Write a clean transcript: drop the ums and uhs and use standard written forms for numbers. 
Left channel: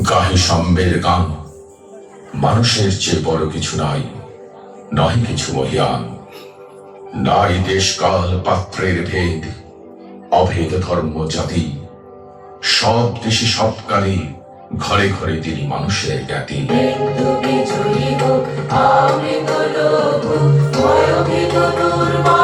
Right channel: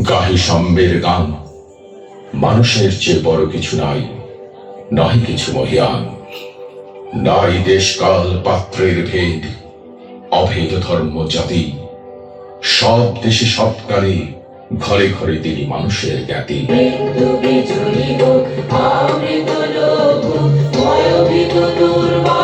গাহি সম্বের গান, মানুষের চেয়ে বড় কিছু নাই, নয় কিছু মহিয়ান। নাই দেশ কাল পাত্রের ভেদ, অভেদ ধর্ম জাতি, সব দেশে সব কালে ঘরে ঘরে তিনি মানুষের জ্ঞাতি। বিজয়ী হোক, আমি তো লোক, ভয়ভীত দুর্বার